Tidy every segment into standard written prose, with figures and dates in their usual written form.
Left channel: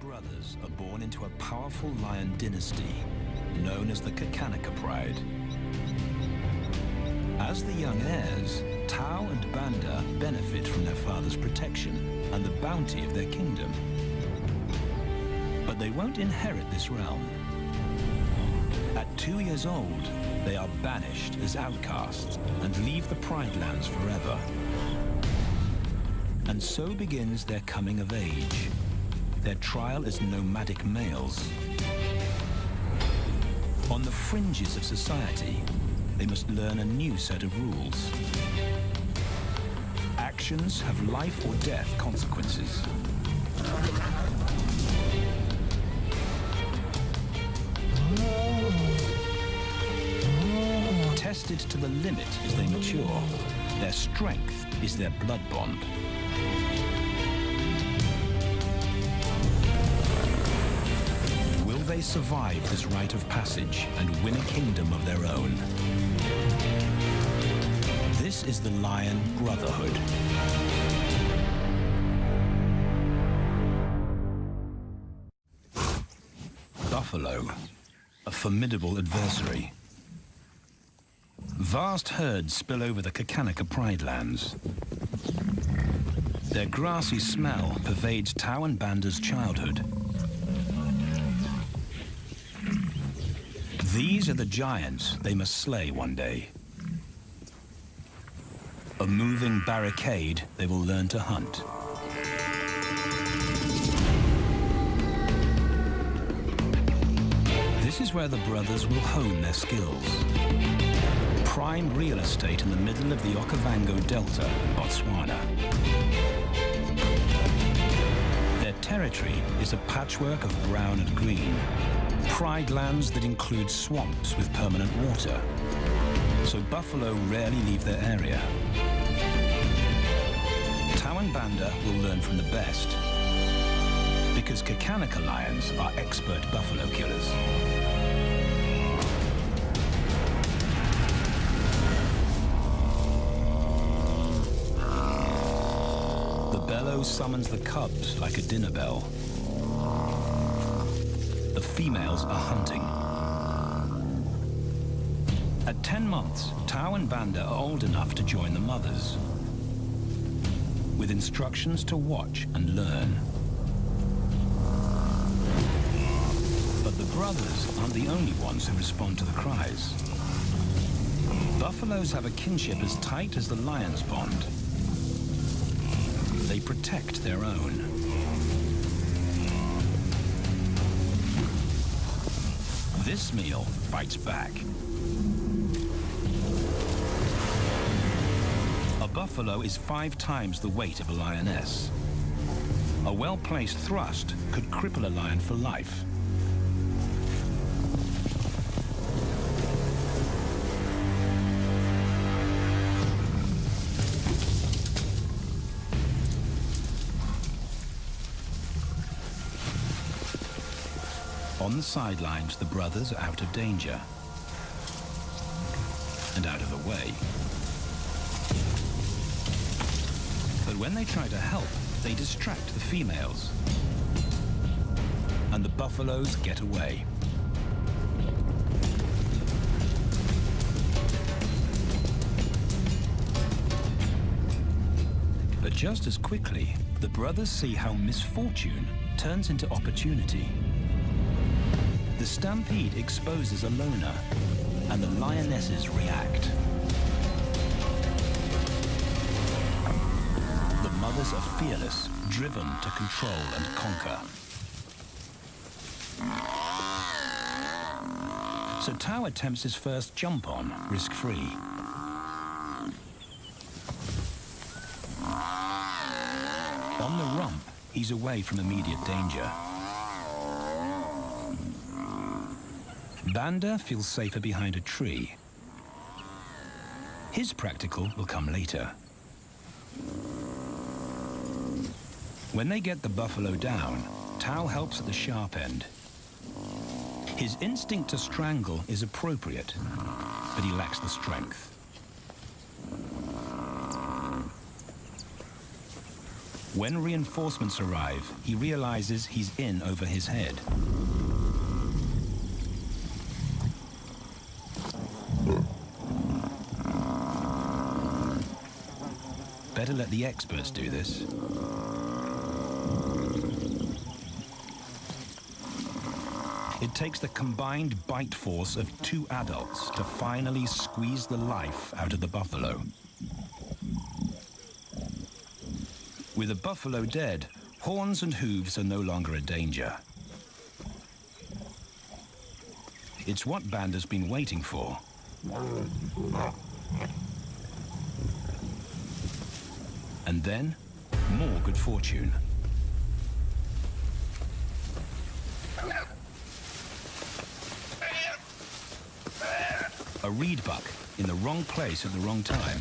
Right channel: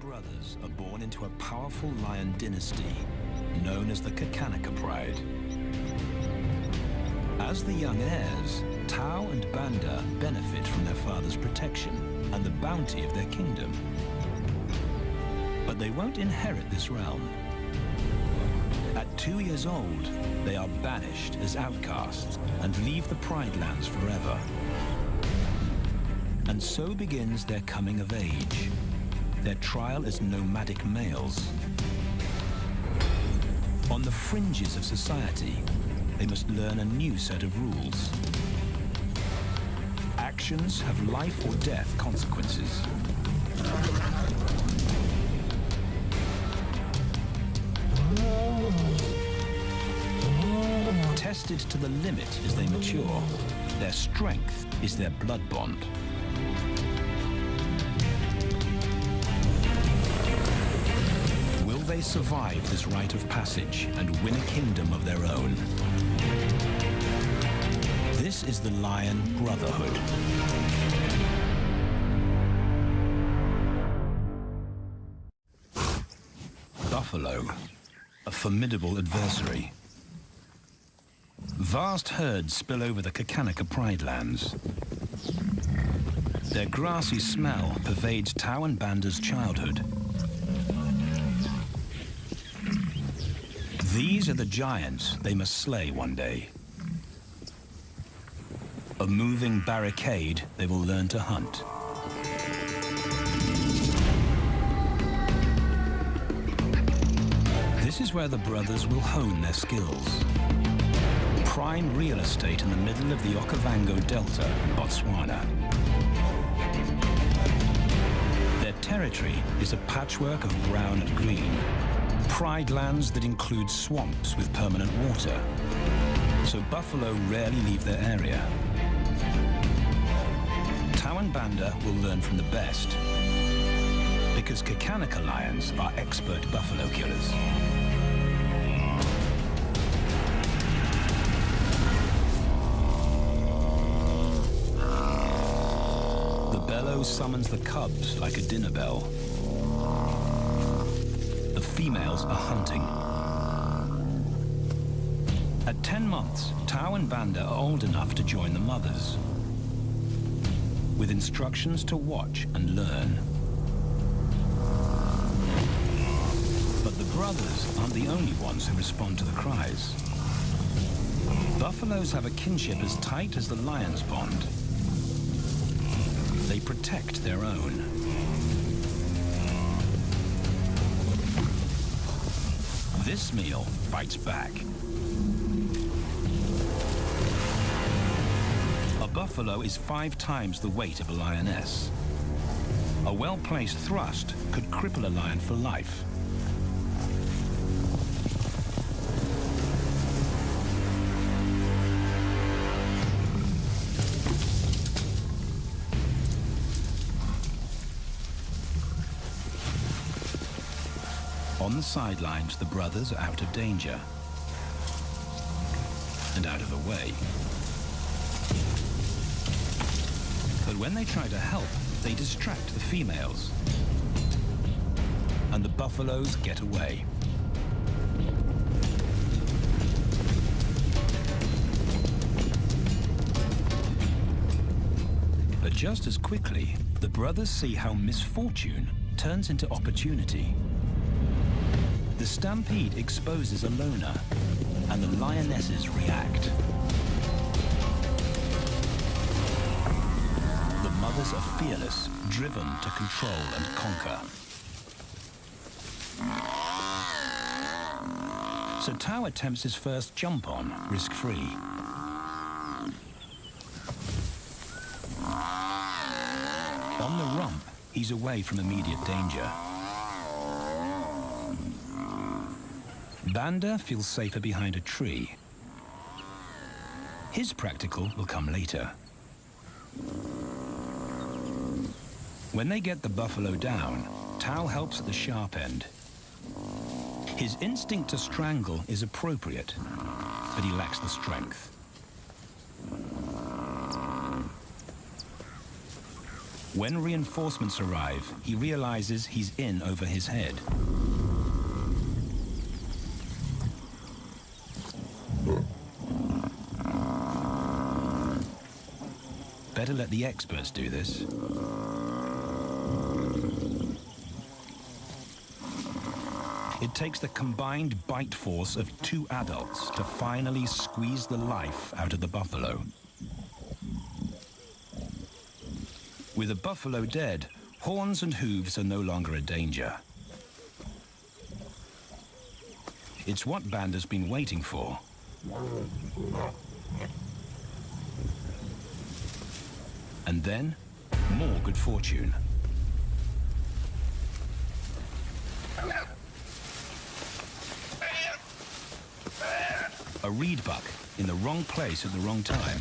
brothers are born into a powerful lion dynasty known as the Pride. As the young heirs, Tau and Banda benefit from their father's protection and the bounty of their kingdom. But they won't inherit this realm. At 2 years old, they are banished as outcasts and leave the Pride lands forever. And so begins their coming of age, their trial as nomadic males. On the fringes of society, they must learn a new set of rules. Actions have life or death consequences. Tested to the limit as they mature, their strength is their blood bond. Will they survive this rite of passage and win a kingdom of their own? This is the Lion Brotherhood. Buffalo, a formidable adversary. Vast herds spill over the Pride lands. Their grassy smell pervades Tau and Banda's childhood. These are the giants they must slay one day. A moving barricade they will learn to hunt. This is where the brothers will hone their skills. Prime real estate in the middle of the Okavango Delta in Botswana. Their territory is a patchwork of brown and green. Pride lands that include swamps with permanent water. So buffalo rarely leave their area. Tau and Banda will learn from the best, because Kakanaka lions are expert buffalo killers. The bellow summons the cubs like a dinner bell. The females are hunting. At 10 months, Tau and Banda are old enough to join the mothers, with instructions to watch and learn. But the brothers aren't the only ones who respond to the cries. Buffaloes have a kinship as tight as the lion's bond. They protect their own. This meal fights back. A buffalo is 5 times the weight of a lioness. A well-placed thrust could cripple a lion for life. On the sidelines, the brothers are out of danger and out of the way. But when they try to help, they distract the females, and the buffaloes get away. But just as quickly, the brothers see how misfortune turns into opportunity. The stampede exposes a loner, and the lionesses react. The mothers are fearless, driven to control and conquer. So Tao attempts his first jump on, risk-free. On the rump, he's away from immediate danger. Banda feels safer behind a tree. His practical will come later. When they get the buffalo down, Tao helps at the sharp end. His instinct to strangle is appropriate, but he lacks the strength. When reinforcements arrive, he realizes he's in over his head. Better let the experts do this. It takes the combined bite force of 2 adults to finally squeeze the life out of the buffalo. With the buffalo dead, horns and hooves are no longer a danger. It's what Banda's been waiting for. And then, more good fortune. A reed buck in the wrong place at the wrong time.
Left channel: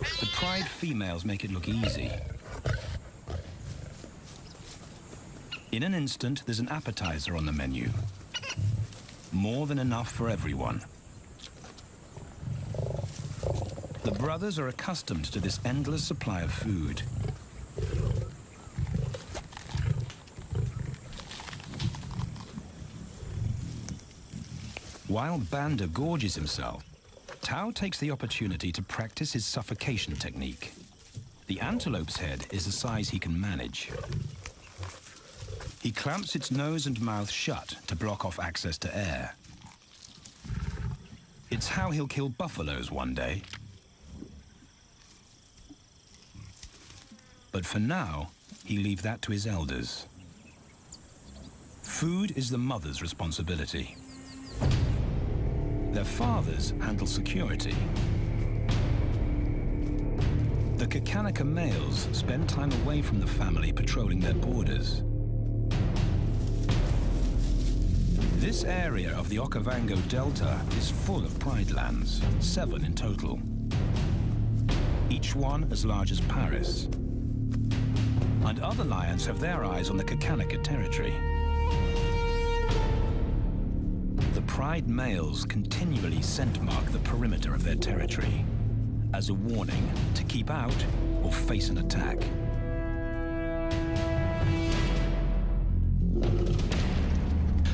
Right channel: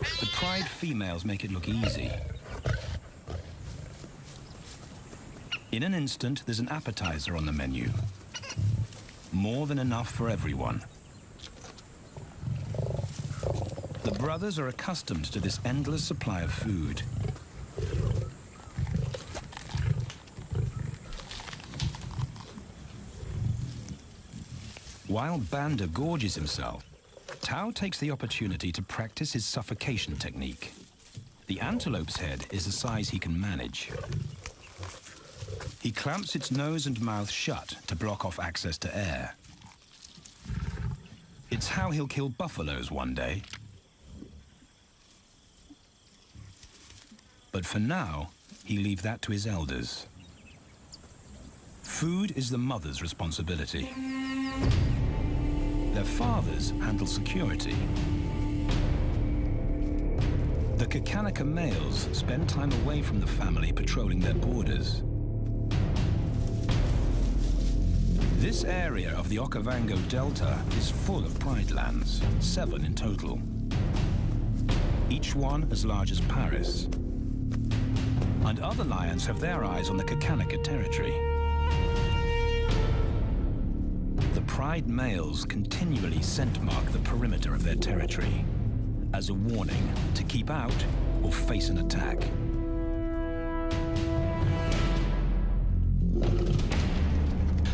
The pride females make it look easy. In an instant, there's an appetizer on the menu. More than enough for everyone. The brothers are accustomed to this endless supply of food. While Banda gorges himself, Tao takes the opportunity to practice his suffocation technique. The antelope's head is a size he can manage. He clamps its nose and mouth shut to block off access to air. It's how he'll kill buffaloes one day. But for now, he'll leave that to his elders. Food is the mother's responsibility. Their fathers handle security. The Kakanika males spend time away from the family patrolling their borders. This area of the Okavango Delta is full of pride lands, 7 in total. Each one as large as Paris. And other lions have their eyes on the Kakanika territory. The pride males continually scent mark the perimeter of their territory as a warning to keep out or face an attack.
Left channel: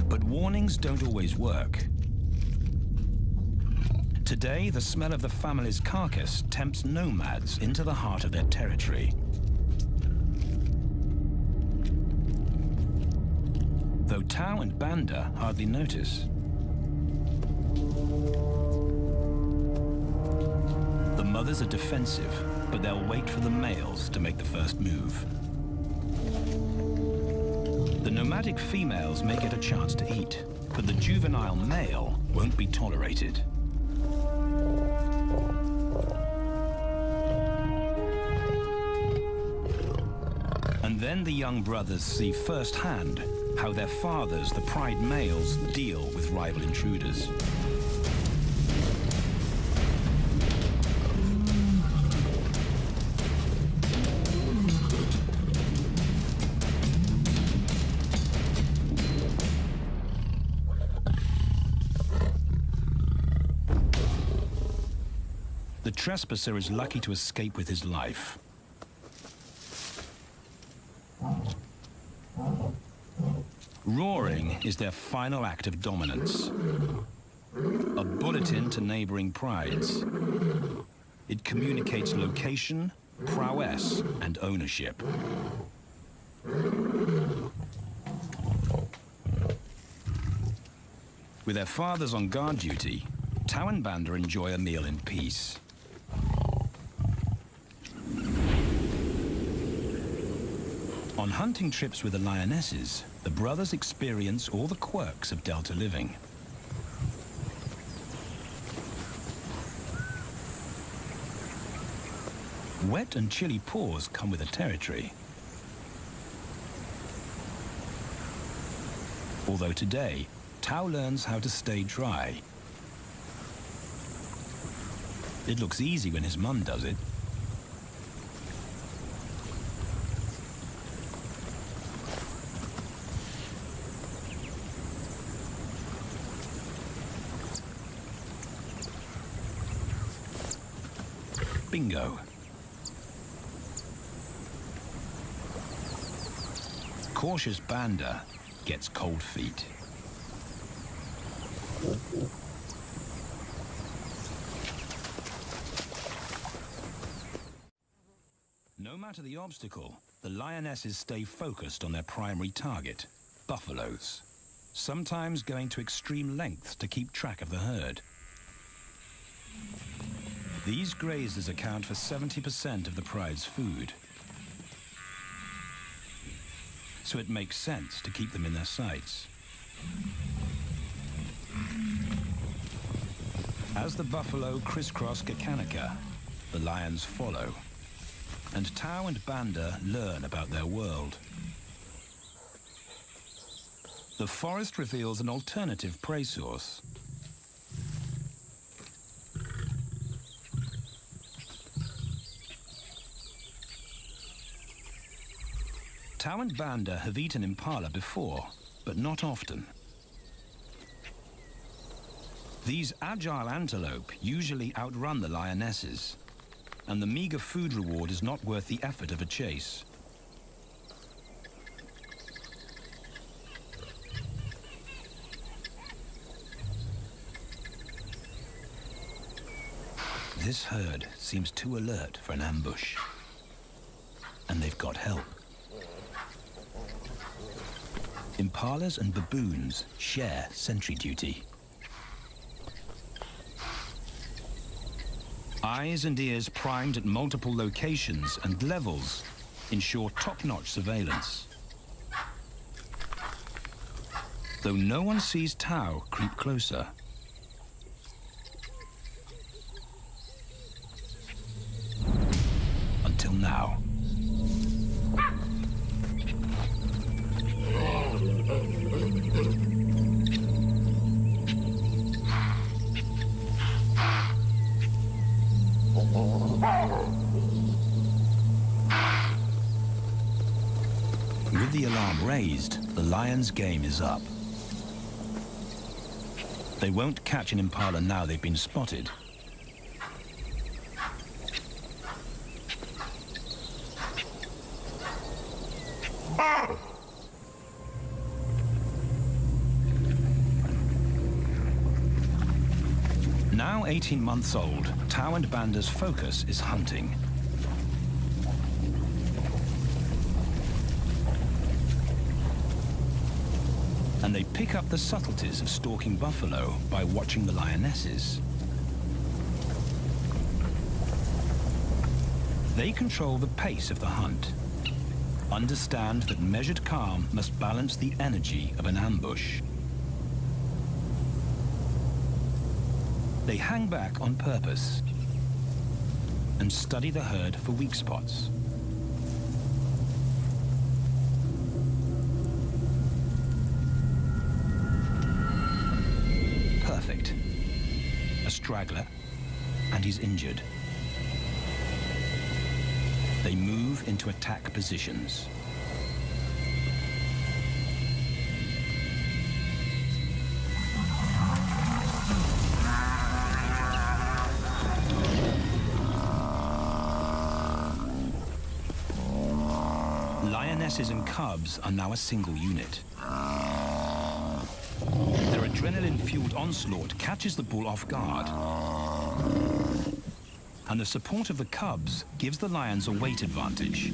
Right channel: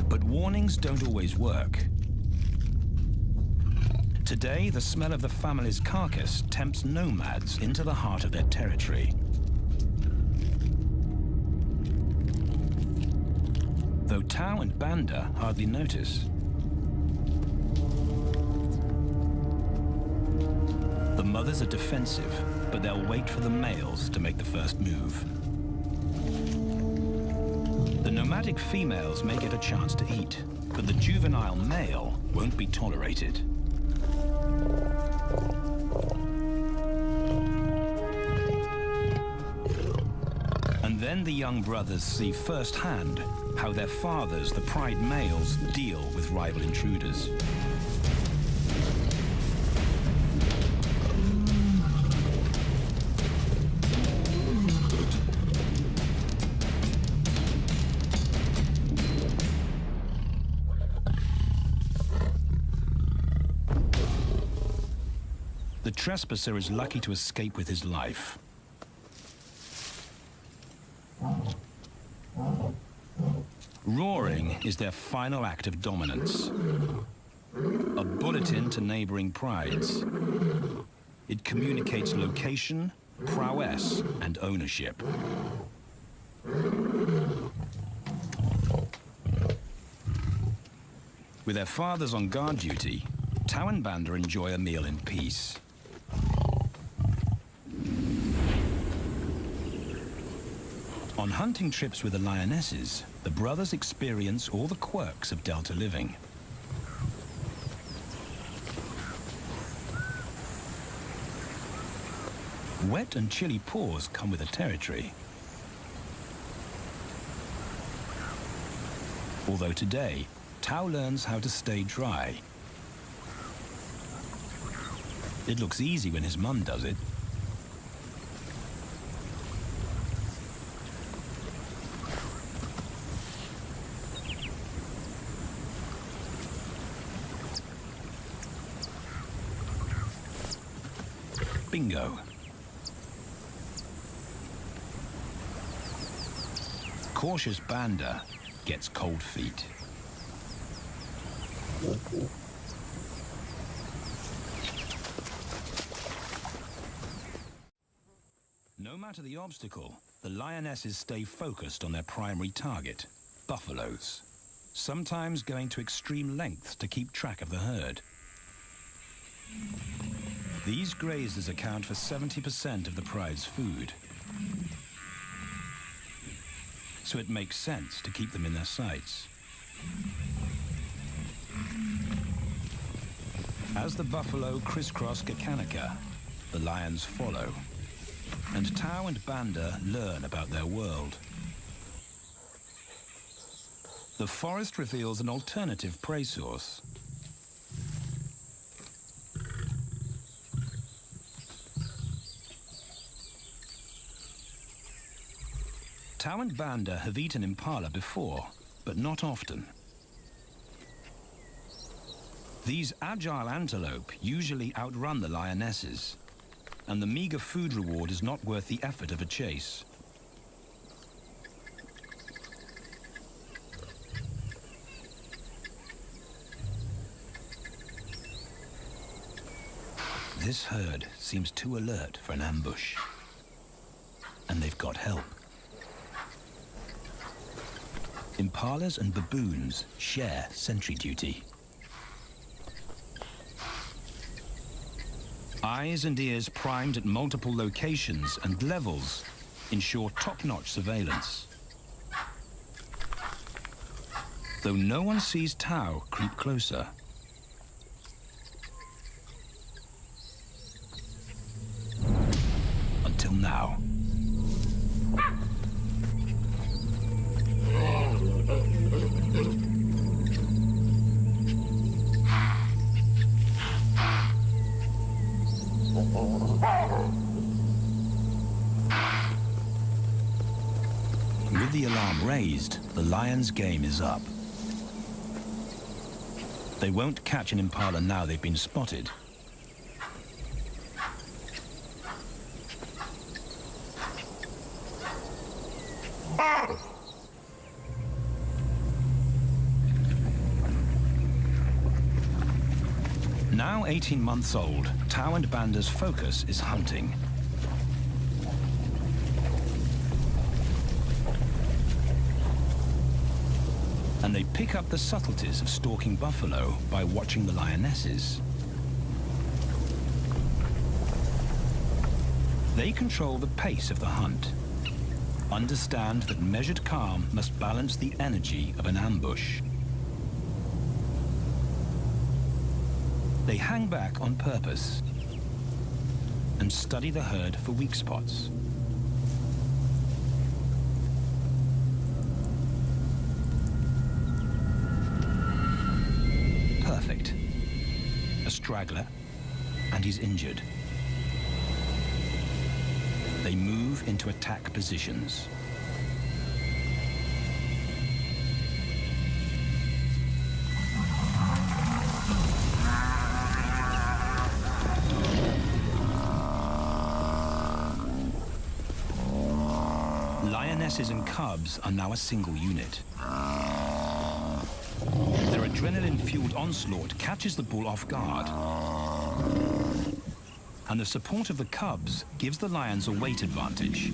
But warnings don't always work. Today, the smell of the family's carcass tempts nomads into the heart of their territory. Though Tao and Banda hardly notice. The mothers are defensive, but they'll wait for the males to make the first move. The nomadic females may get a chance to eat, but the juvenile male won't be tolerated. And then the young brothers see firsthand how their fathers, the pride males, deal with rival intruders. The trespasser is lucky to escape with his life. Roaring is their final act of dominance. A bulletin to neighboring prides. It communicates location, prowess, and ownership. With their fathers on guard duty, Tau and Banda enjoy a meal in peace. On hunting trips with the lionesses, the brothers experience all the quirks of delta living. Wet and chilly paws come with the territory. Although today, Tau learns how to stay dry. It looks easy when his mum does it. Bingo. Cautious Banda gets cold feet. No matter the obstacle, the lionesses stay focused on their primary target, buffaloes, sometimes going to extreme lengths to keep track of the herd. These grazers account for 70% of the pride's food, so it makes sense to keep them in their sights. As the buffalo crisscross Kakanika, the lions follow, and Tau and Banda learn about their world. The forest reveals an alternative prey source. Tau and Banda have eaten impala before, but not often. These agile antelope usually outrun the lionesses, and the meager food reward is not worth the effort of a chase. This herd seems too alert for an ambush, and they've got help. Impalas and baboons share sentry duty. Eyes and ears primed at multiple locations and levels ensure top-notch surveillance. Though no one sees Tau creep closer. Until now. With the alarm raised, the lions' game is up. They won't catch an impala now they've been spotted. Now 18 months old, Tau and Banda's focus is hunting. And they pick up the subtleties of stalking buffalo by watching the lionesses. They control the pace of the hunt, understand that measured calm must balance the energy of an ambush. They hang back on purpose and study the herd for weak spots. Perfect. A straggler, and he's injured. They move into attack positions. Lionesses and cubs are now a single unit. Their adrenaline-fueled onslaught catches the bull off guard. and the support of the cubs gives the lions a weight advantage.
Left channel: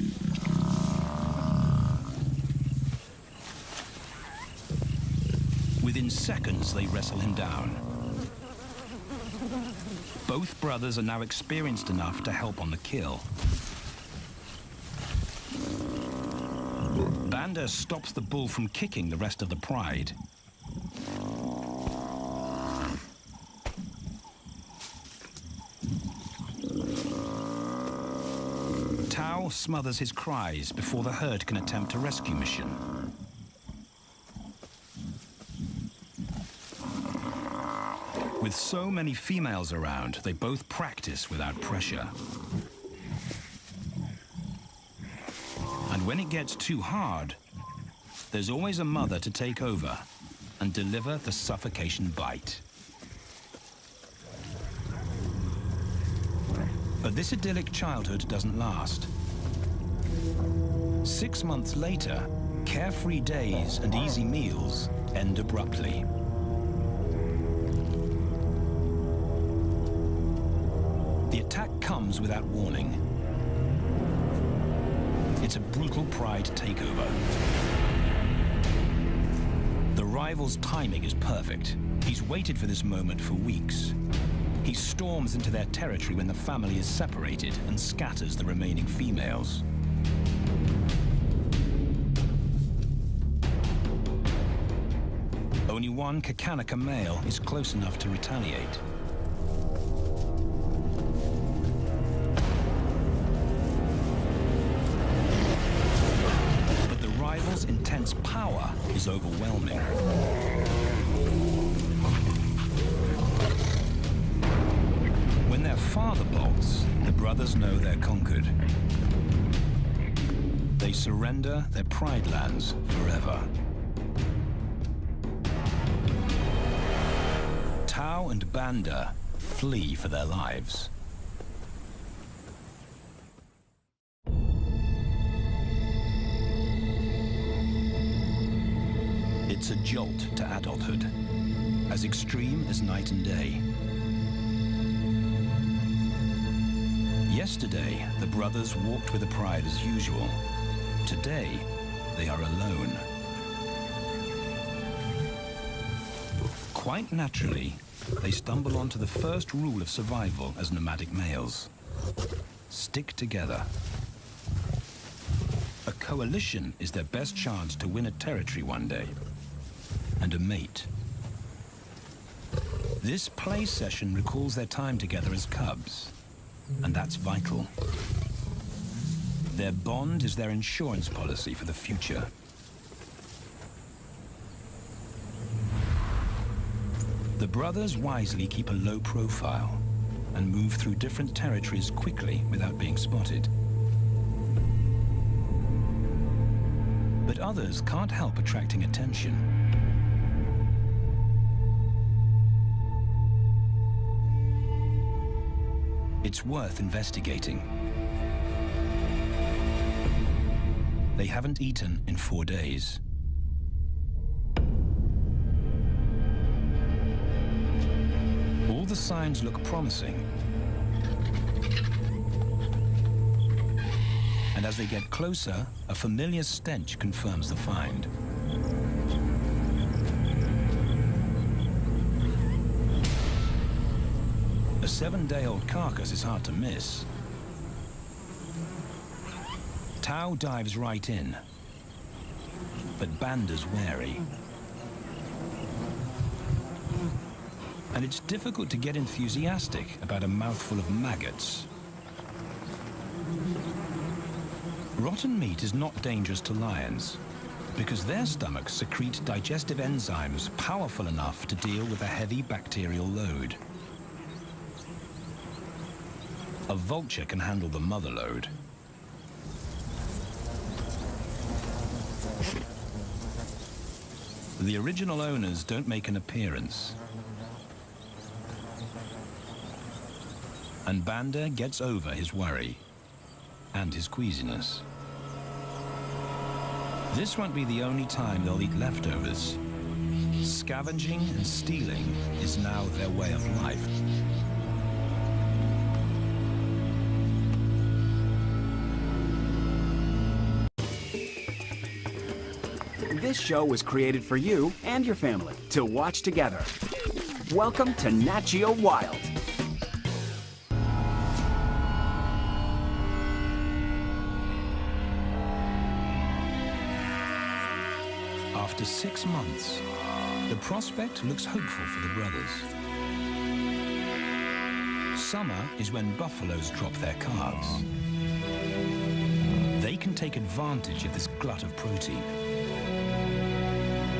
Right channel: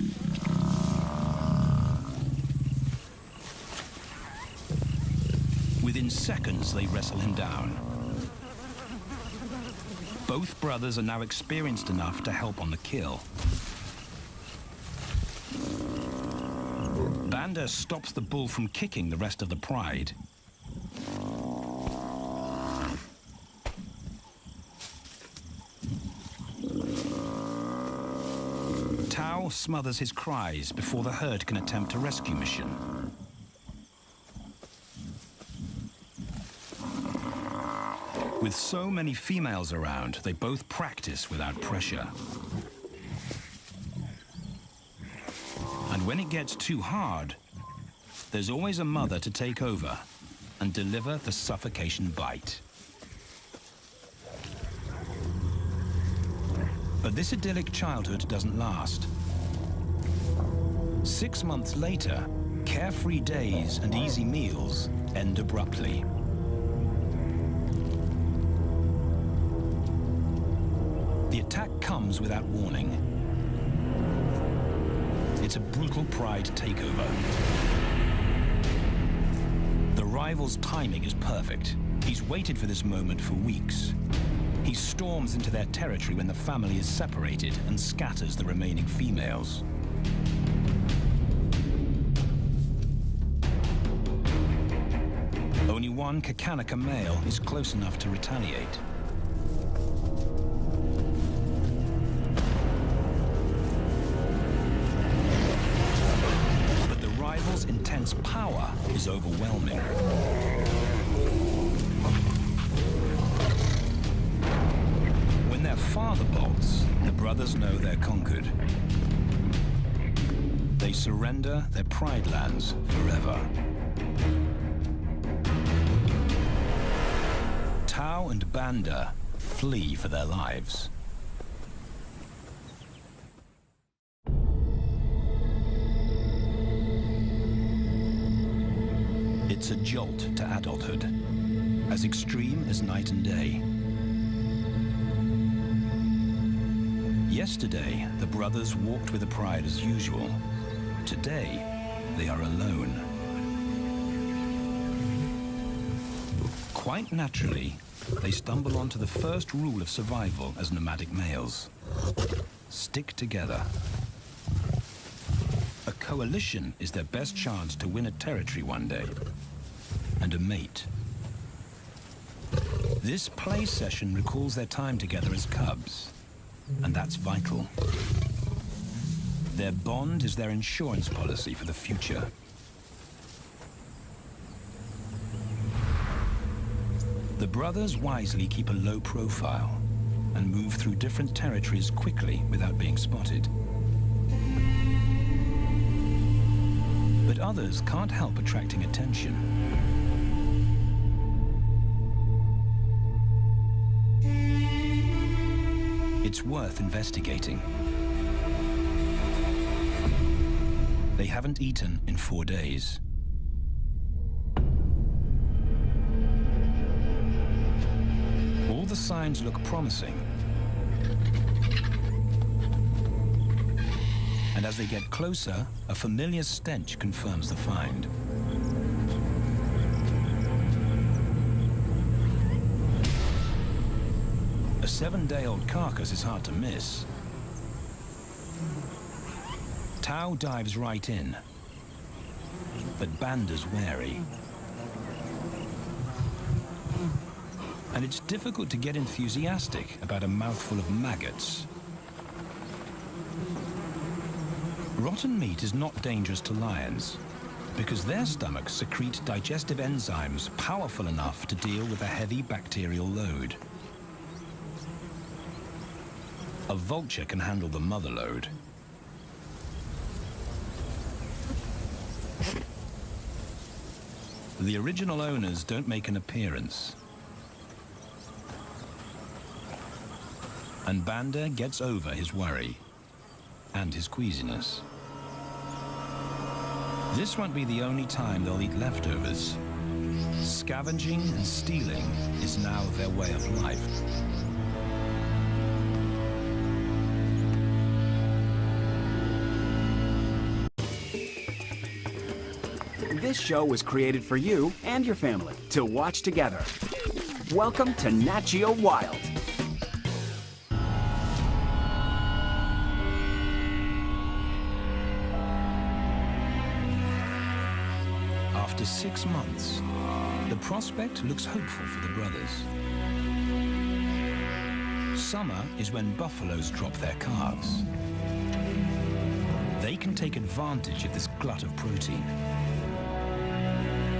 Within seconds, they wrestle him down. Both brothers are now experienced enough to help on the kill. Banda stops the bull from kicking the rest of the pride. Tao smothers his cries before the herd can attempt a rescue mission. With so many females around, they both practice without pressure. And when it gets too hard, there's always a mother to take over and deliver the suffocation bite. But this idyllic childhood doesn't last. 6 months later, carefree days and easy meals end abruptly. The attack comes without warning. It's a brutal pride takeover. The rival's timing is perfect. He's waited for this moment for weeks. He storms into their territory when the family is separated and scatters the remaining females. Only one Kakanika male is close enough to retaliate. But the rival's intense power is overwhelming. When their father bolts, the brothers know they're conquered. They surrender their pride lands forever. Tao and Banda flee for their lives. It's a jolt to adulthood, as extreme as night and day. Yesterday, the brothers walked with the pride as usual. Today, they are alone. Quite naturally, they stumble onto the first rule of survival as nomadic males. Stick together. A coalition is their best chance to win a territory one day, and a mate. This play session recalls their time together as cubs, and that's vital. Their bond is their insurance policy for the future. The brothers wisely keep a low profile and move through different territories quickly without being spotted. But others can't help attracting attention. It's worth investigating. They haven't eaten in 4 days. All the signs look promising. And as they get closer, a familiar stench confirms the find. A 7-day-old carcass is hard to miss. Tao dives right in, but Banda's wary. And it's difficult to get enthusiastic about a mouthful of maggots. Rotten meat is not dangerous to lions, because their stomachs secrete digestive enzymes powerful enough to deal with a heavy bacterial load. A vulture can handle the mother load. The original owners don't make an appearance. And Banda gets over his worry and his queasiness. This won't be the only time they'll eat leftovers. Scavenging and stealing is now their way of life. This show was created for you and your family to watch together. Welcome to Nat Geo Wild. After 6 months, the prospect looks hopeful for the brothers. Summer is when buffaloes drop their calves. They can take advantage of this glut of protein.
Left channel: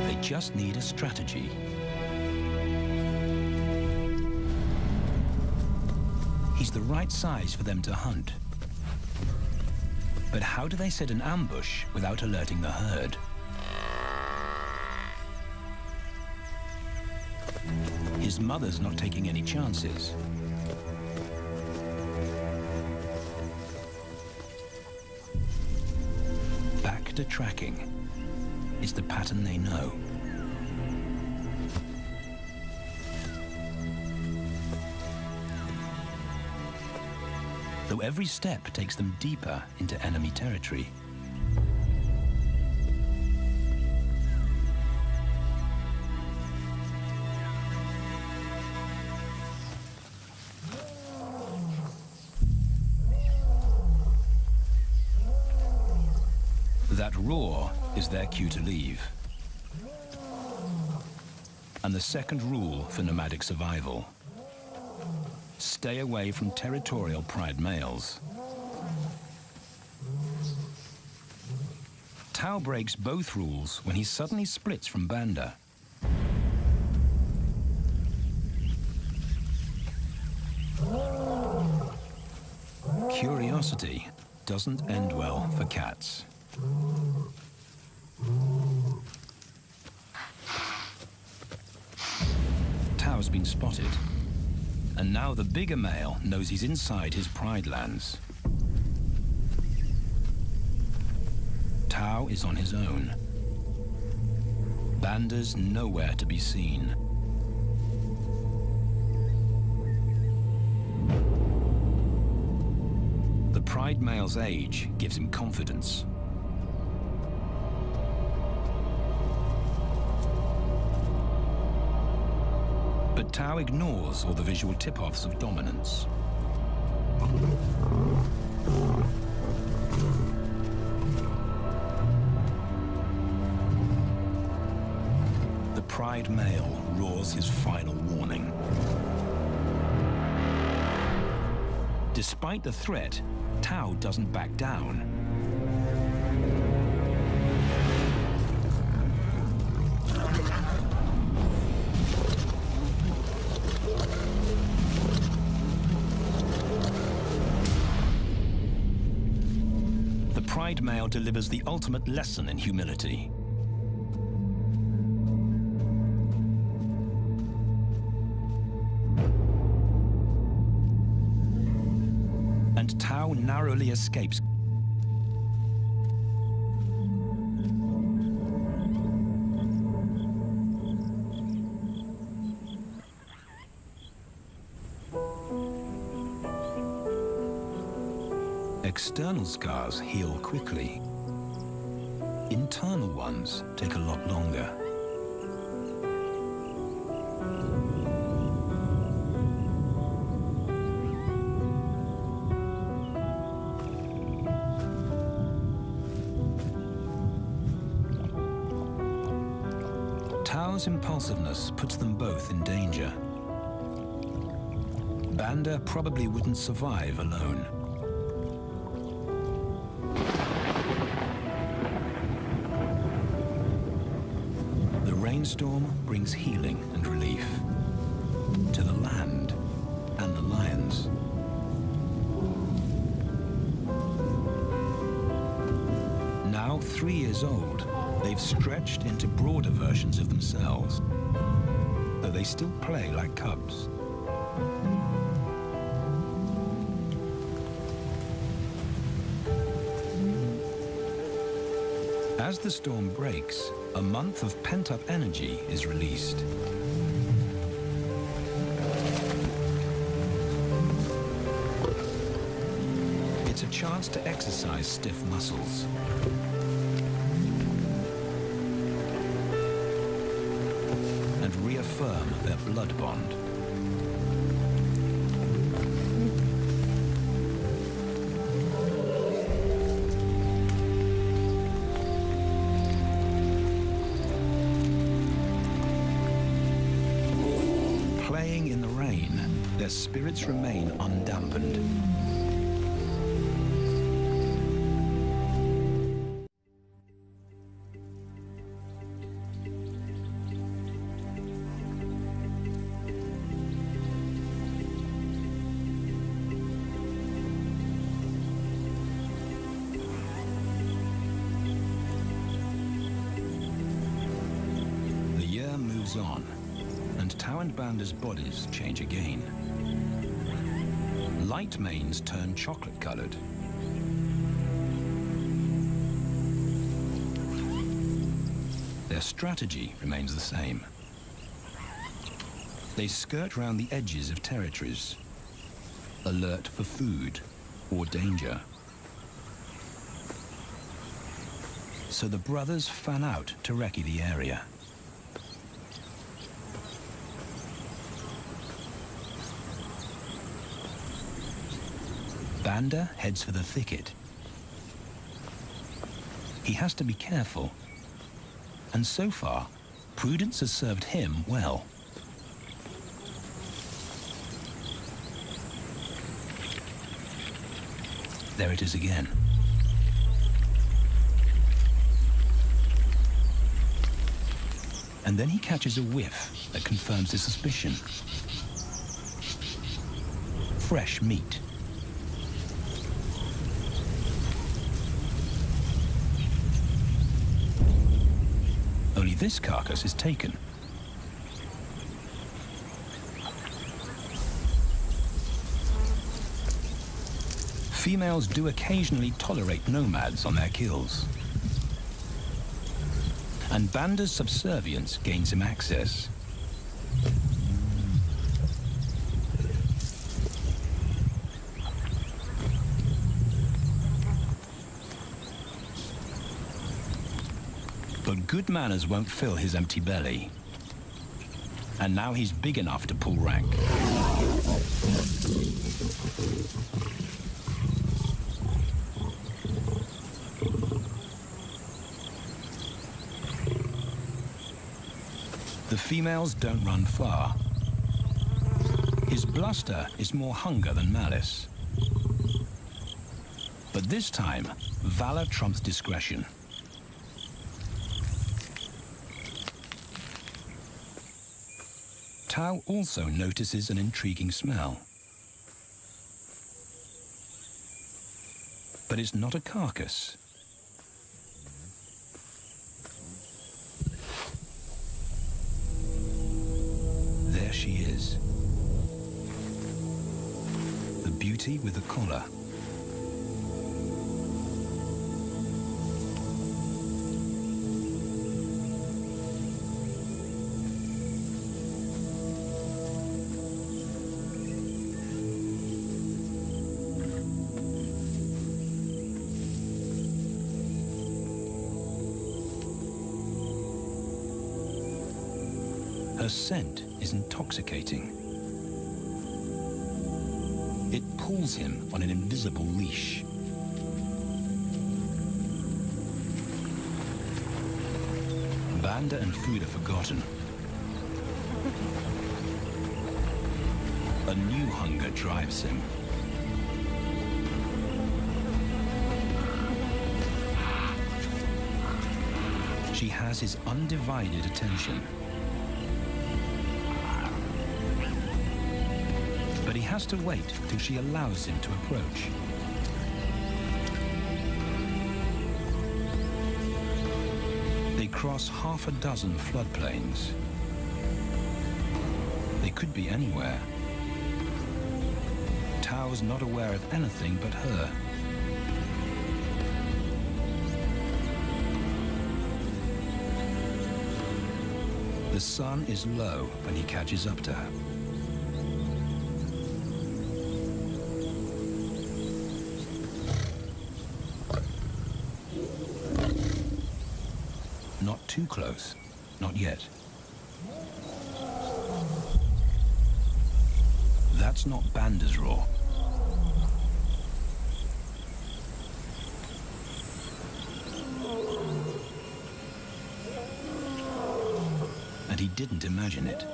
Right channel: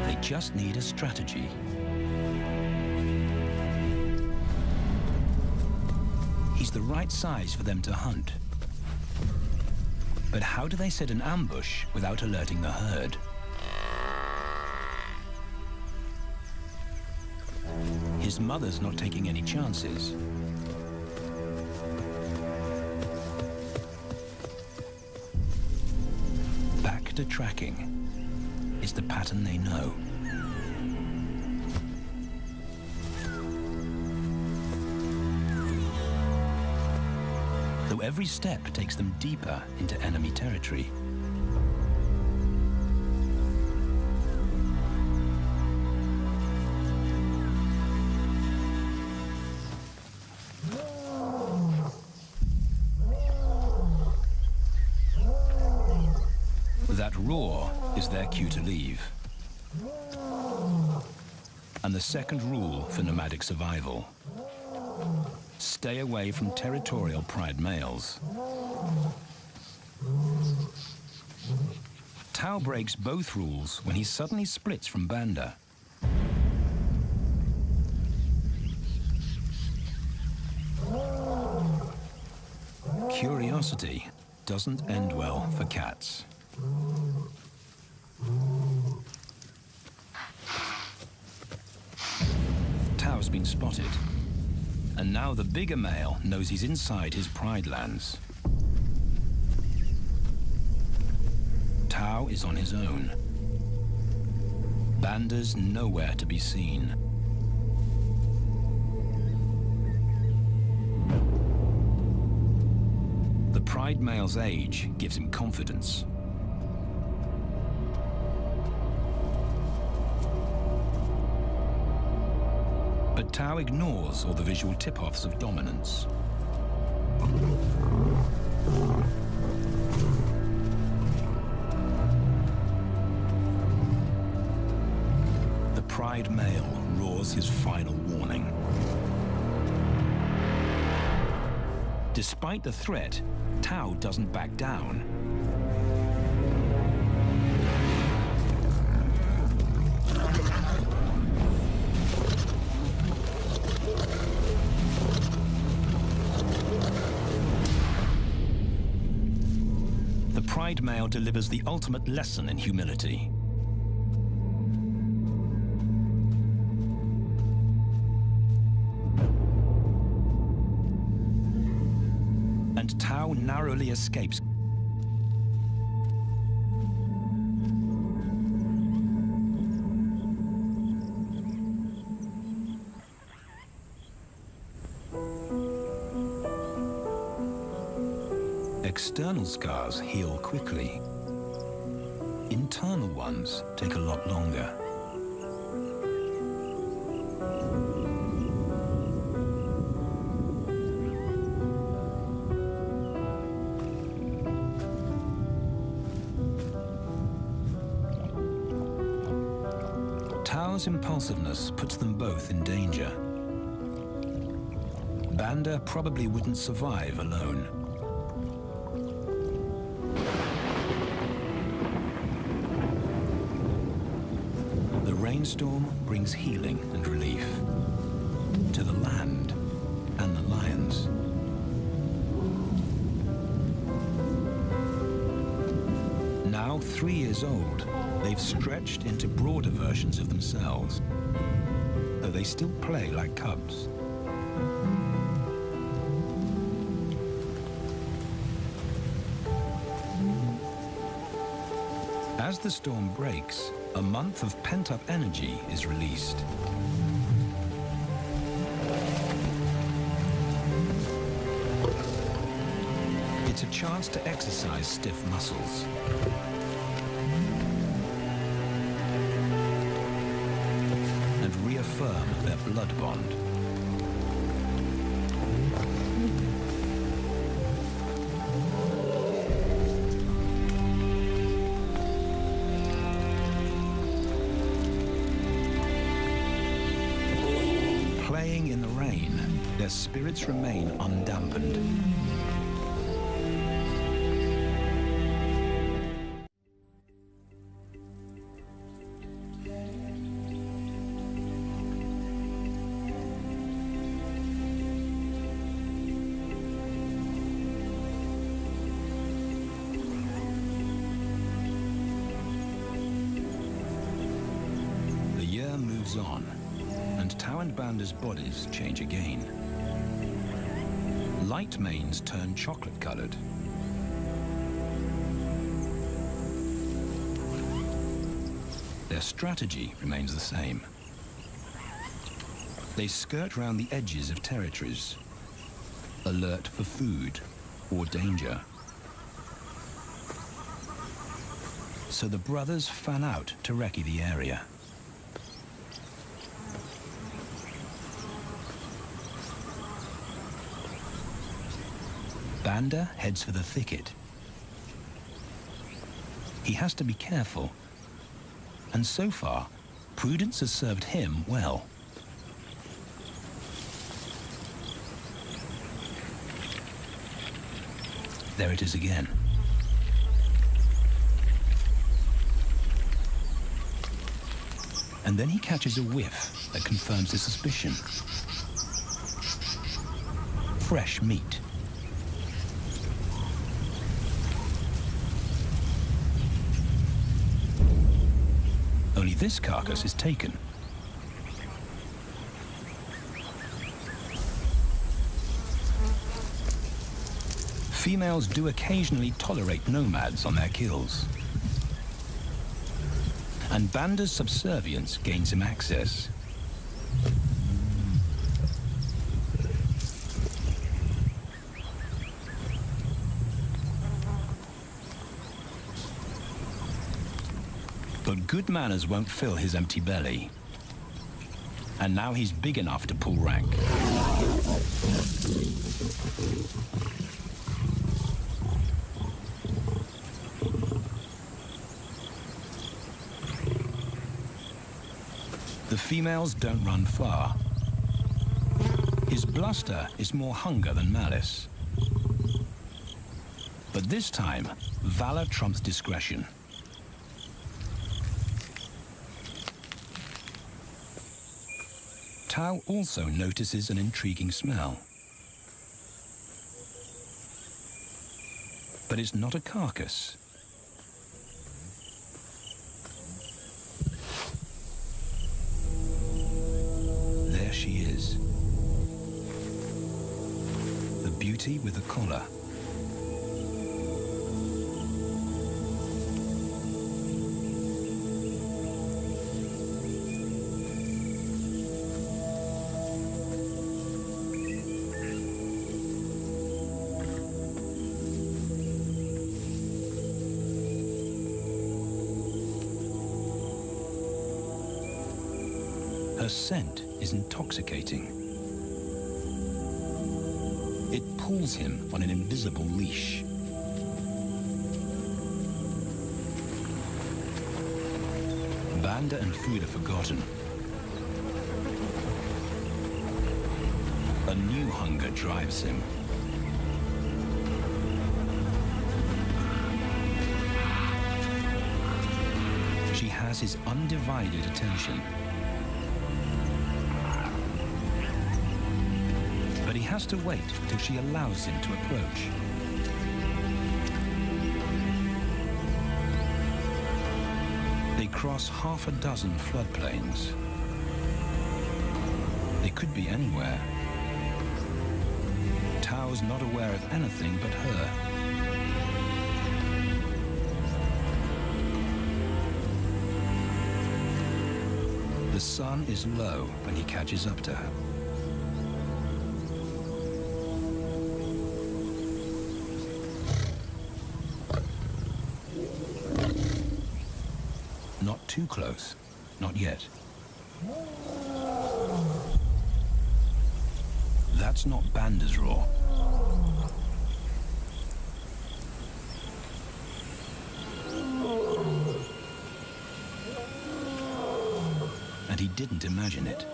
They just need a strategy. He's the right size for them to hunt. But how do they set an ambush without alerting the herd? His mother's not taking any chances. Back to tracking. It's the pattern they know. Though every step takes them deeper into enemy territory. That roar is their cue to leave. And the second rule for nomadic survival: stay away from territorial pride males. Tao breaks both rules when he suddenly splits from Banda. Curiosity doesn't end well for cats. Tao's been spotted, and now the bigger male knows he's inside his pride lands. Tao is on his own. Banda's nowhere to be seen. The pride male's age gives him confidence. But Tao ignores all the visual tip-offs of dominance. The pride male roars his final warning. Despite the threat, Tao doesn't back down. The pride male delivers the ultimate lesson in humility. And Tao narrowly escapes. External scars heal quickly. Internal ones take a lot longer. Tao's impulsiveness puts them both in danger. Banda probably wouldn't survive alone. The rainstorm brings healing and relief to the land and the lions. Now 3 years old, they've stretched into broader versions of themselves, though they still play like cubs. As the storm breaks, a month of pent-up energy is released. It's a chance to exercise stiff muscles. reaffirm their blood bond. Playing in the rain, their spirits remain undampened. The year moves on, and Tau and Banda's bodies change again. Light manes turn chocolate-colored. Their strategy remains the same. They skirt round the edges of territories, alert for food or danger. So the brothers fan out to recce the area. Banda heads for the thicket. He has to be careful, and so far, prudence has served him well. There it is again. And then he catches a whiff that confirms his suspicion. Fresh meat. Only this carcass is taken. Females do occasionally tolerate nomads on their kills. And Banda's subservience gains him access. But good manners won't fill his empty belly. And now he's big enough to pull rank. The females don't run far. His bluster is more hunger than malice. But this time, valor trumps discretion. Tau also notices an intriguing smell. But it's not a carcass. There she is. The beauty with the collar. Her scent is intoxicating. It pulls him on an invisible leash. Banda and food are forgotten. A new hunger drives him. She has his undivided attention. But he has to wait till she allows him to approach. They cross half a dozen floodplains. They could be anywhere. Tau's not aware of anything but her. The sun is low when he catches up to her. Not too close, not yet. That's not Banda's roar. And he didn't imagine it.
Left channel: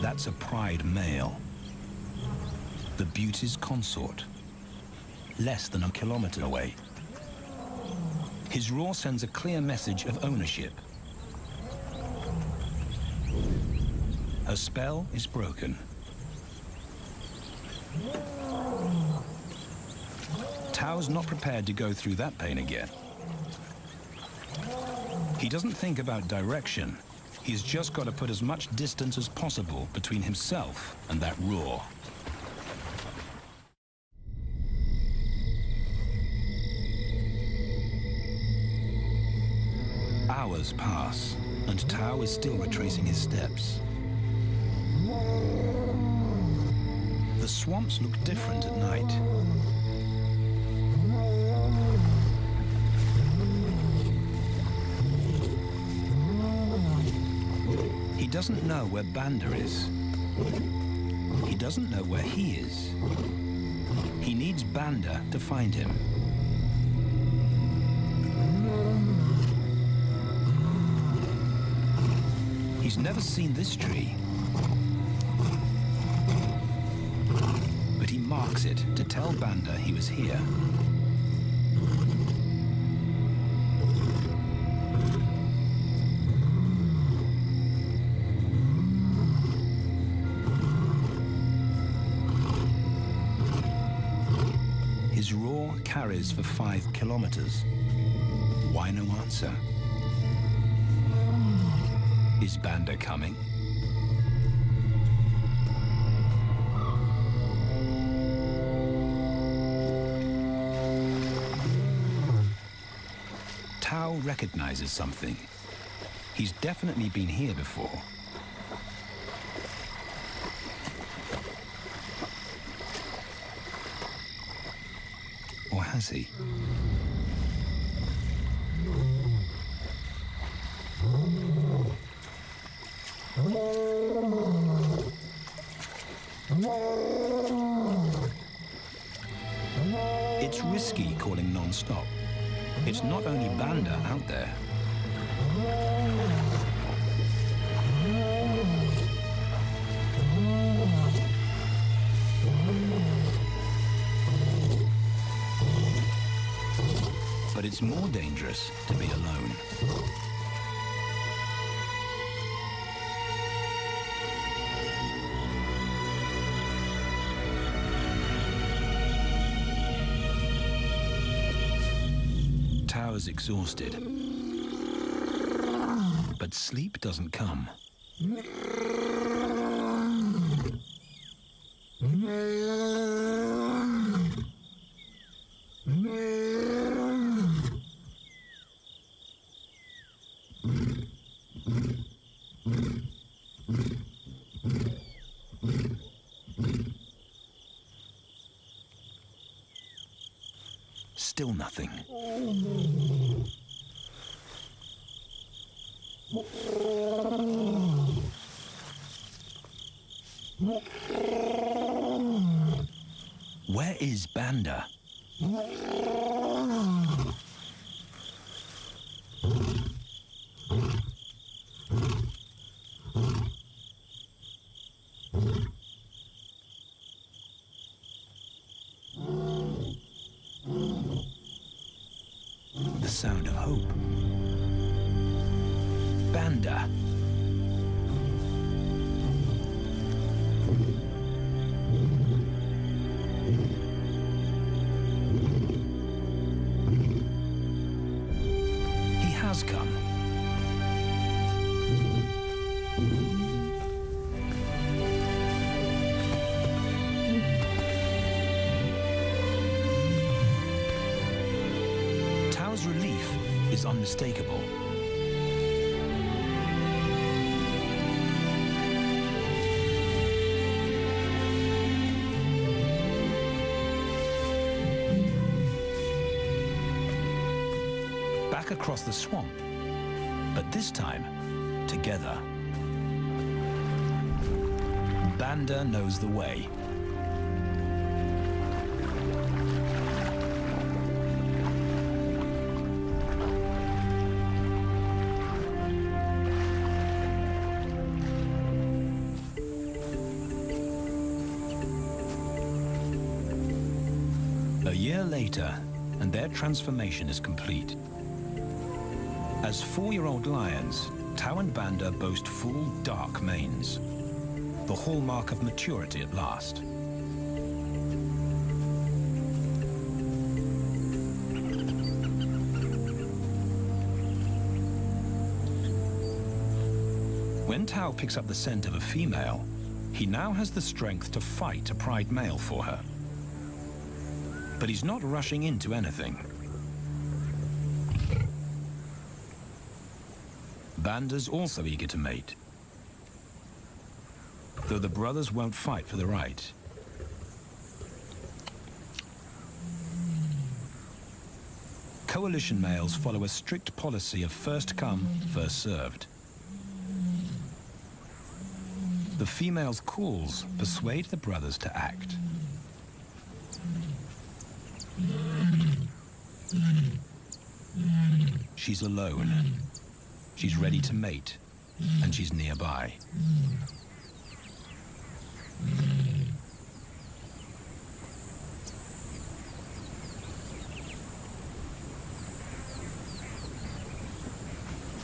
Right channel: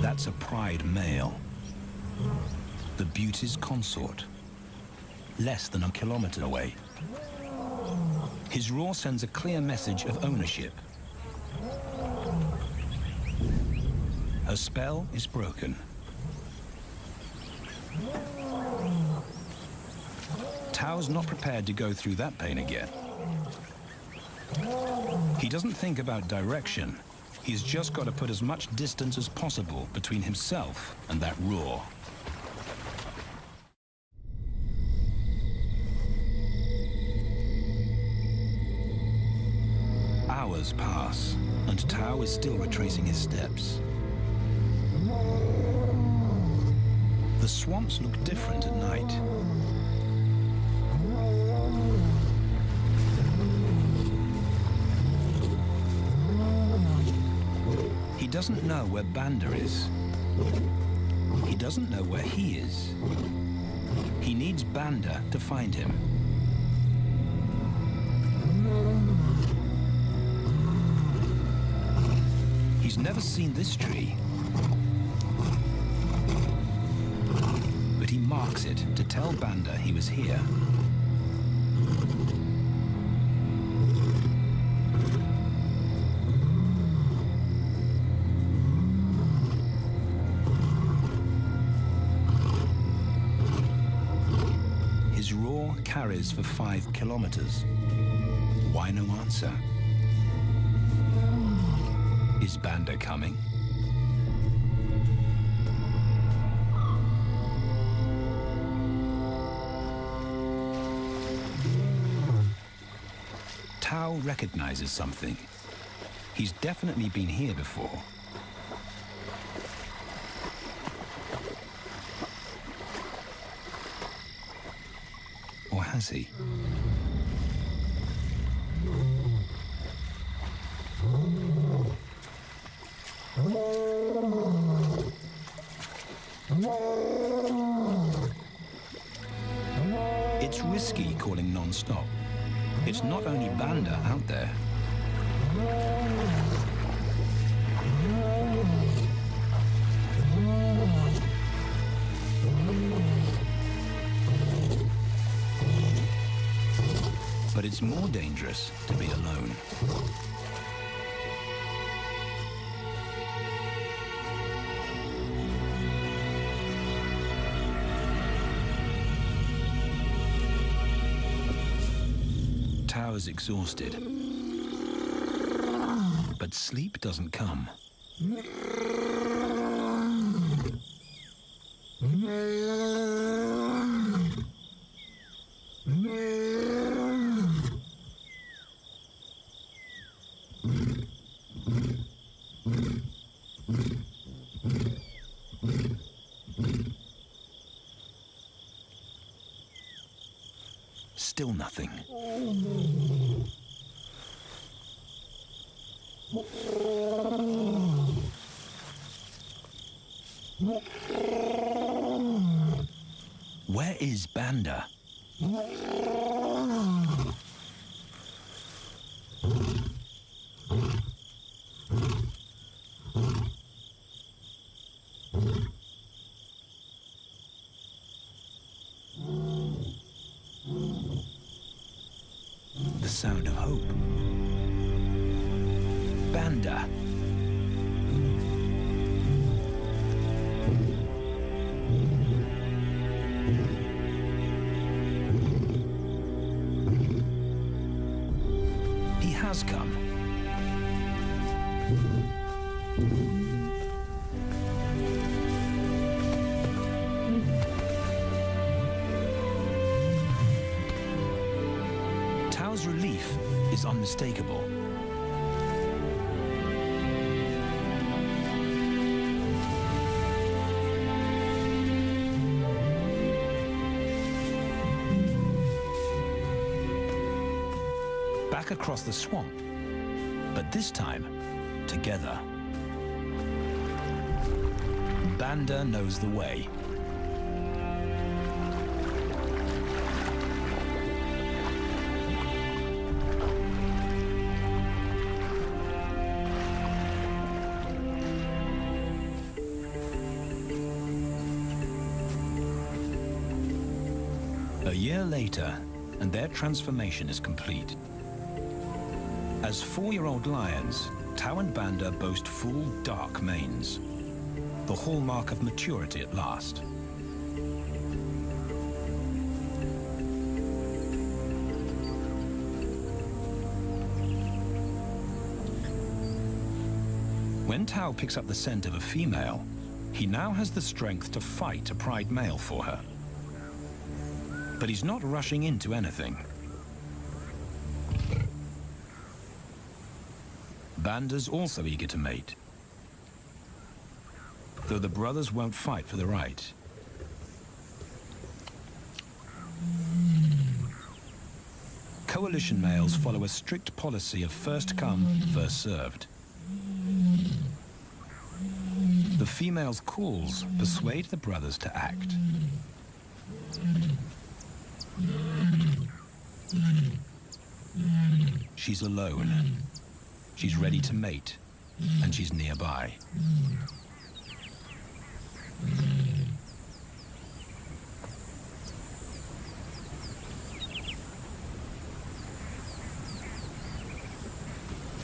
That's a pride male, the beauty's consort, less than a kilometer away. His roar sends a clear message of ownership. Her spell is broken. Tao's not prepared to go through that pain again. He doesn't think about direction. He's just got to put as much distance as possible between himself and that roar. Hours pass, and Tao is still retracing his steps. The swamps look different at night. He doesn't know where Banda is. He doesn't know where he is. He needs Banda to find him. He's never seen this tree, but he marks it to tell Banda he was here. His roar carries for 5 kilometers. Why no answer? Is Banda coming? Tao recognizes something. He's definitely been here before. Or has he? It's risky calling non-stop. It's not only Banda out there. But it's more dangerous to be alone. Tao is exhausted, but sleep doesn't come. Still nothing. Where is Banda? The sound of hope. Banda. He has come. Tao's relief is unmistakable. back across the swamp, but this time together. Banda knows the way. A year later, and their transformation is complete. As 4-year-old lions, Tau and Banda boast full, dark manes, the hallmark of maturity at last. When Tau picks up the scent of a female, he now has the strength to fight a pride male for her. But he's not rushing into anything. Banda's also eager to mate, though the brothers won't fight for the right. Coalition males follow a strict policy of first come, first served. The female's calls persuade the brothers to act. She's alone. She's ready to mate, and she's nearby.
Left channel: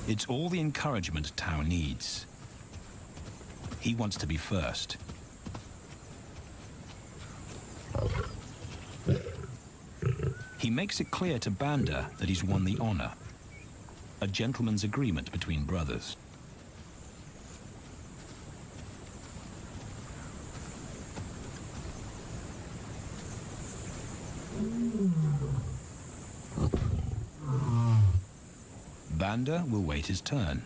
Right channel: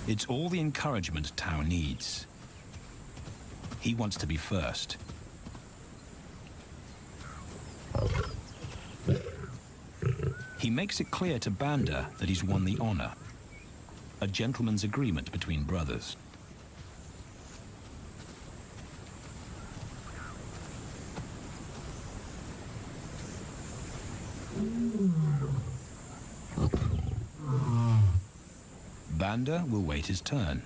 It's all the encouragement Tau needs. He wants to be first. He makes it clear to Banda that he's won the honor, a gentleman's agreement between brothers. Banda will wait his turn.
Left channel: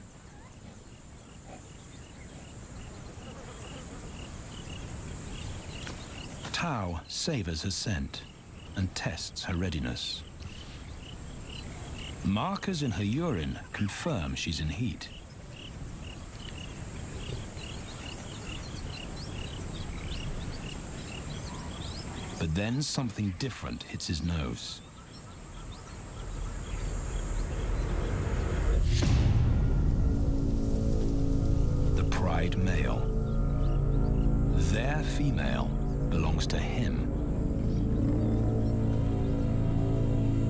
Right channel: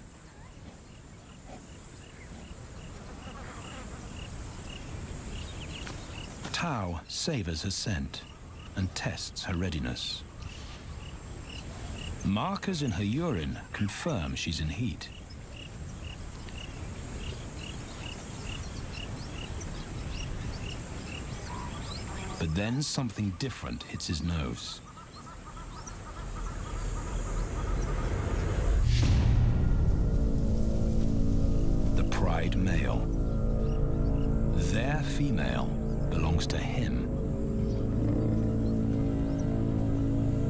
Tau savors her scent and tests her readiness. Markers in her urine confirm she's in heat. But then something different hits his nose. The pride male. Their female belongs to him.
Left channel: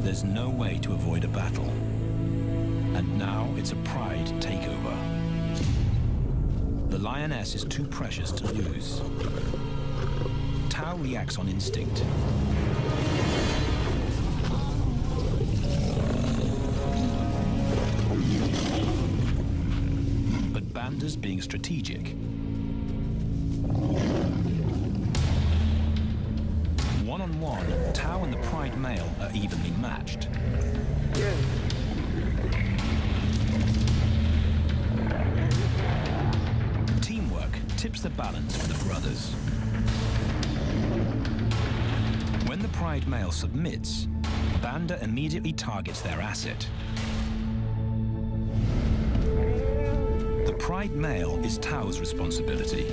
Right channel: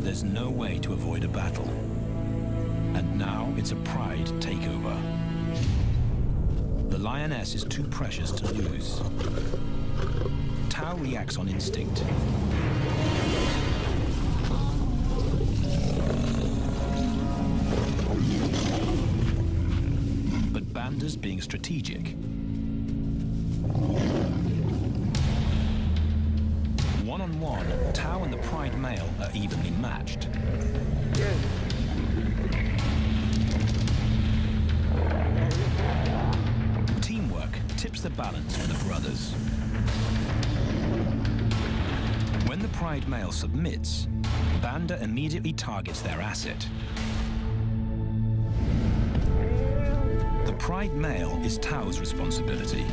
There's no way to avoid a battle. And now it's a pride takeover. The lioness is too precious to lose. Tau reacts on instinct. But Banda's being strategic. One-on-one, Tau and the pride male are evenly matched. Teamwork tips the balance for the brothers. When the pride male submits, Banda immediately targets their asset. The pride male is Tau's responsibility.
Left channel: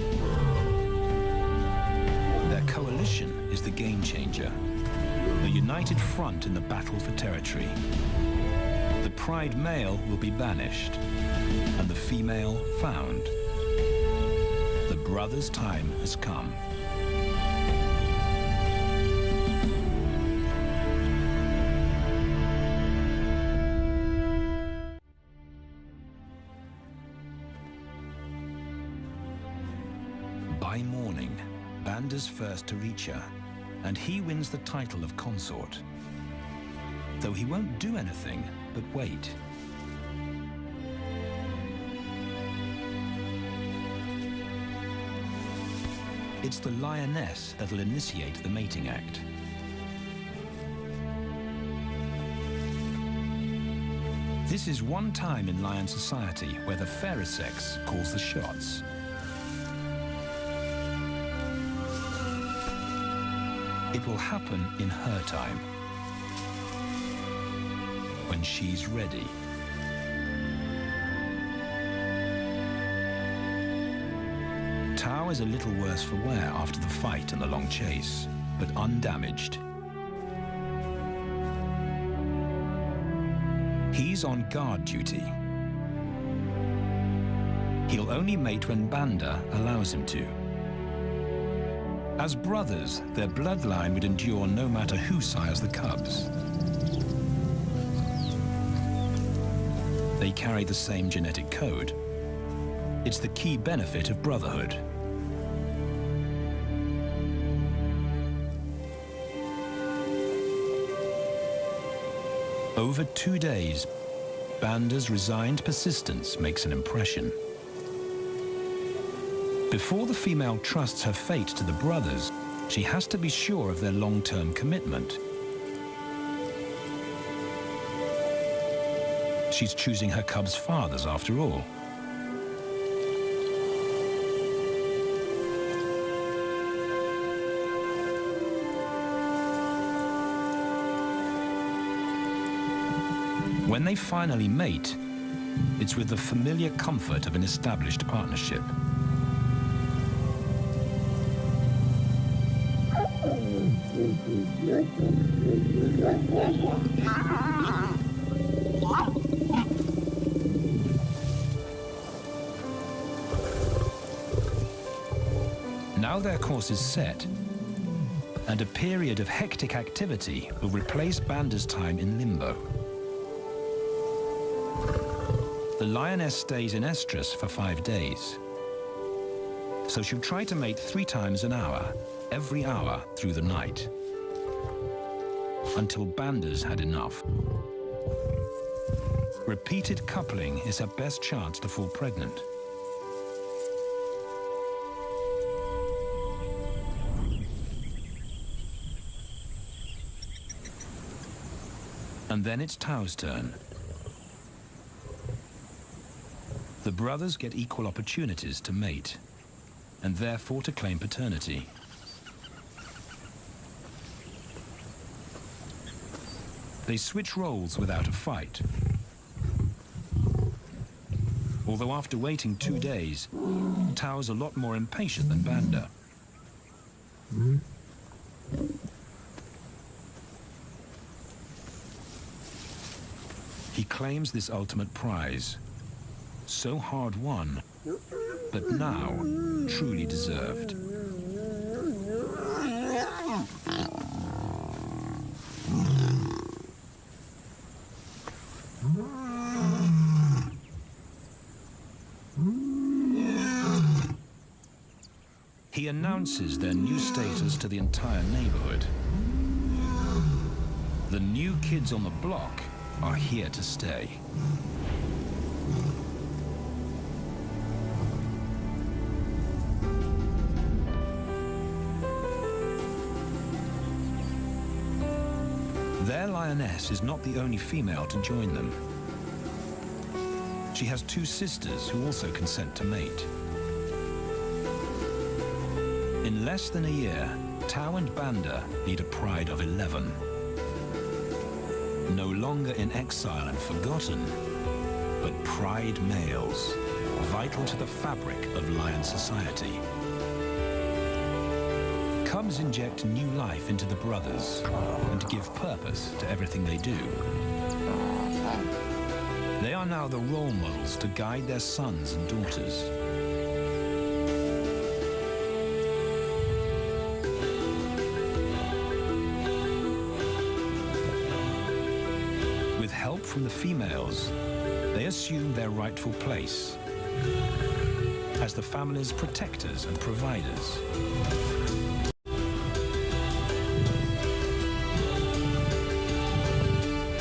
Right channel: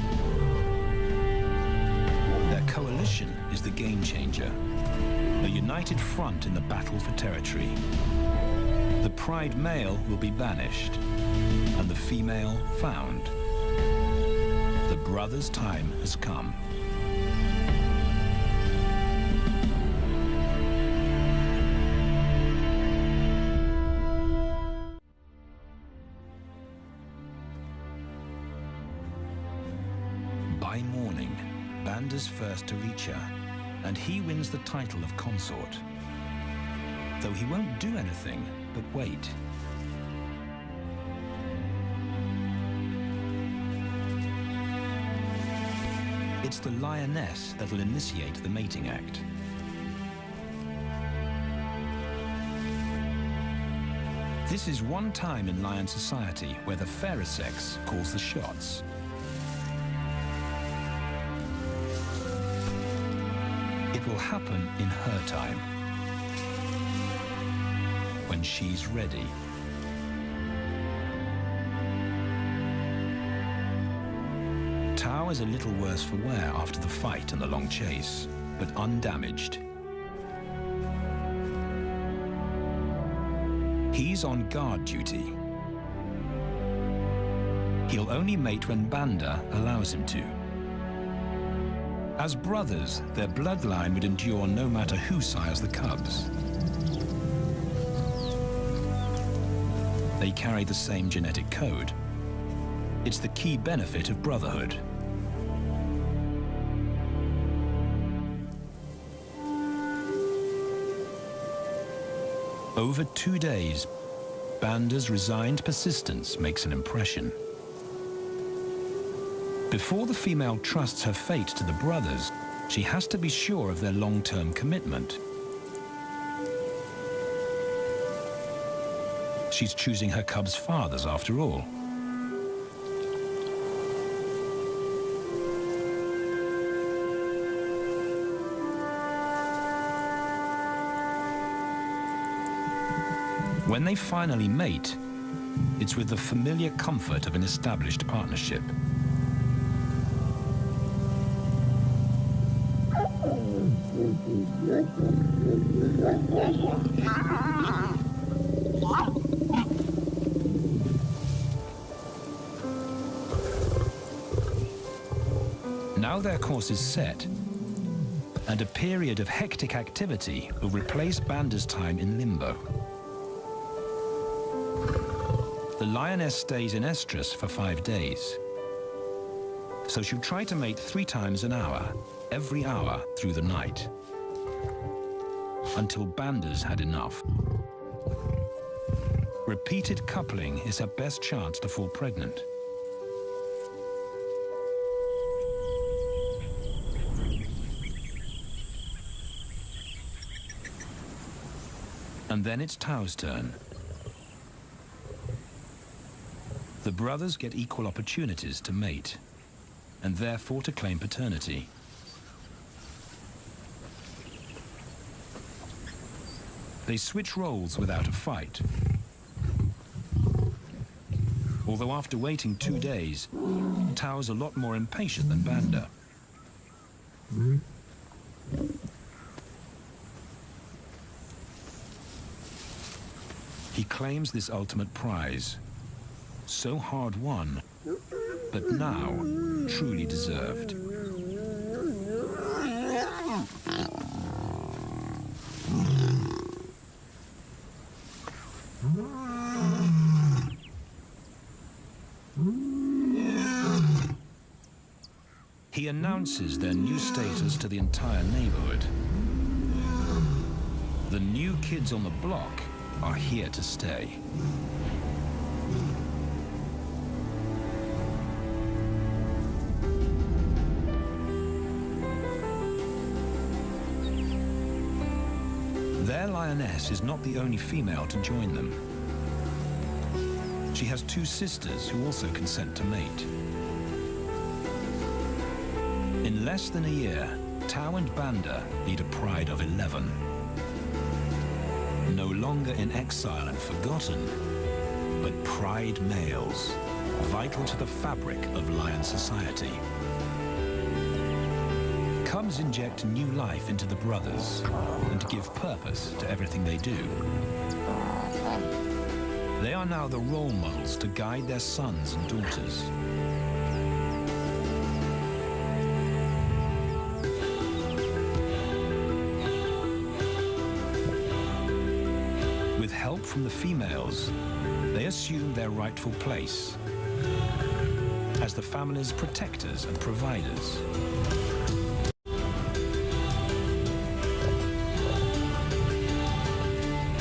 Their coalition is the game changer, a united front in the battle for territory. The pride male will be banished, and the female found. The brothers' time has come. By morning, Banda's first to reach her, and he wins the title of consort. Though he won't do anything but wait. It's the lioness that'll initiate the mating act. This is one time in lion society where the fairer sex calls the shots. It will happen in her time. when she's ready. Tao is a little worse for wear after the fight and the long chase, but undamaged. He's on guard duty. He'll only mate when Banda allows him to. As brothers, their bloodline would endure no matter who sires the cubs. They carry the same genetic code. It's the key benefit of brotherhood. Over 2 days, Banda's resigned persistence makes an impression. Before the female trusts her fate to the brothers, she has to be sure of their long-term commitment. She's choosing her cubs' fathers after all. When they finally mate, it's with the familiar comfort of an established partnership. Now their course is set, and a period of hectic activity will replace Banda's time in limbo. The lioness stays in estrus for 5 days, so she'll try to mate 3 times an hour, every hour through the night, until Banda's had enough. Repeated coupling is her best chance to fall pregnant. And then it's Tao's turn. The brothers get equal opportunities to mate, and therefore to claim paternity. They switch roles without a fight. Although after waiting 2 days, Tao's a lot more impatient than Banda. He claims this ultimate prize, so hard won, but now truly deserved. He announces their new status to the entire neighborhood. The new kids on the block are here to stay. Their lioness is not the only female to join them. She has 2 sisters who also consent to mate. In less than a year, Tao and Banda lead a pride of 11. No longer in exile and forgotten, but pride males, vital to the fabric of lion society. Cubs inject new life into the brothers and give purpose to everything they do. They are now the role models to guide their sons and daughters. With help from the females, they assume their rightful place as the family's protectors and providers.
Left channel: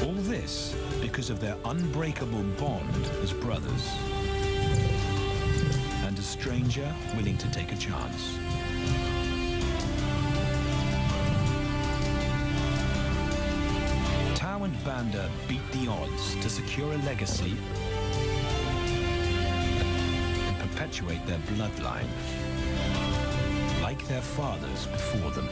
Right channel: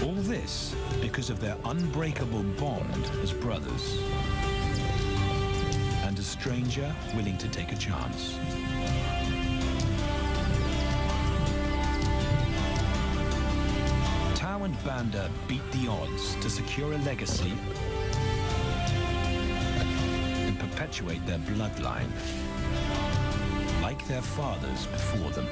All this because of their unbreakable bond as brothers, and a stranger willing to take a chance. Tao and Banda beat the odds to secure a legacy and perpetuate their bloodline, like their fathers before them.